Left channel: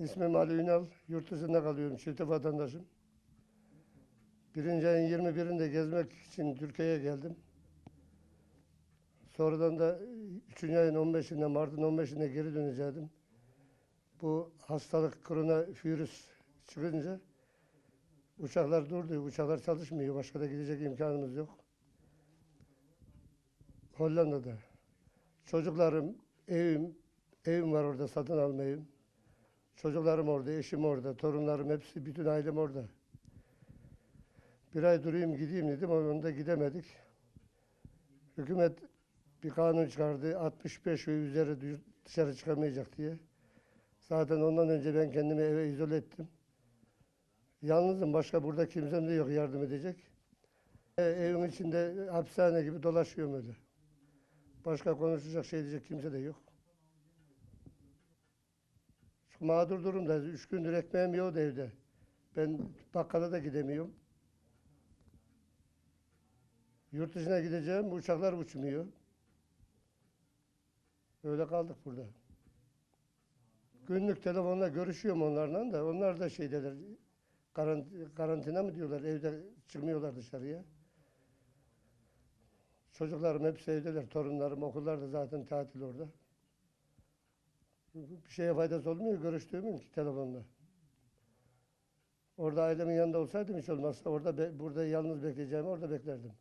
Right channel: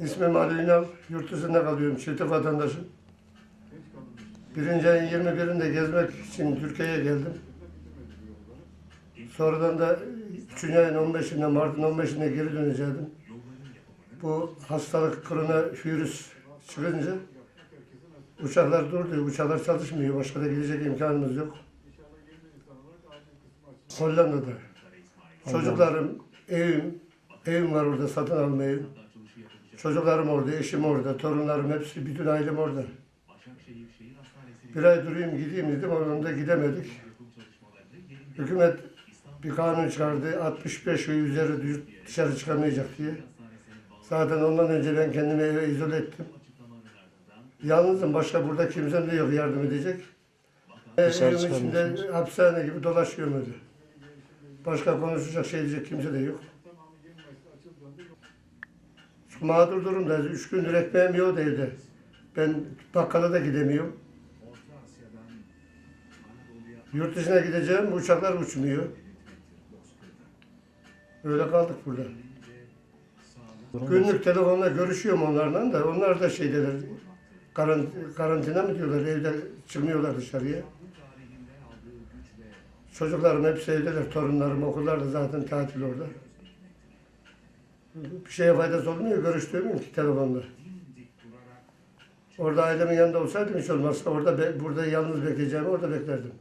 İsmim Ali Ünal. Yurt dışında kalıyorum. Çifte vatandaşım. Birinci ayın 21'inde gezmek için Türkiye'ye geldim. Sonradan da 3. ayın 15'inde, Mart'ın 15'inde geri döneceğim. Bu hastalık koronavirüs çıkınca uçaklar durdu. Uçaklar çalışmıyor. Başka da gidecek imkanımız yok. Hollanda'da. Çocuklarım, evim, evim var orada satın alma evim. Çocuklarım orada, eşim orada, torunlarım hepsi, bütün ailem orada. Bir ay durayım gideyim dedim, onun da gidemedik. Hükümet bir kanun çıkardı, 65 ve üzeri dışarı çıkamayacak diye. Zaten ondan önce ben kendimi eve izole ettim. Yalnızım, başka burada kimsem de yok yardım edecek. Dışarı Evim içinde hapishane gibi dolaşıyorum öyle. Başka konuşacak şey diyecek kimse de yok. Mağdur durumda. Üç gündür ekmeğim yok evde. Ben bakkala da gidemiyorum. Yurt dışına gideceğim, uçaklar uçmuyor. Öyle kaldık burada. Günlük telefonla görüşüyorum onlarla da. Onlar da şeydeler, karant- karantina mı diyorlar, evde çıkmıyorlar dışarıya. Çocuklarım hepsi evdeler, torunlarım okullarda zaten tatil orada. Bir şeye faydası olmuyor, görüştürmüyorum ki telefonla. Orada ailemin yanında olsaydım hiç olmazsa orada be- burada yalnız bekleyeceğimi orada beklerdim.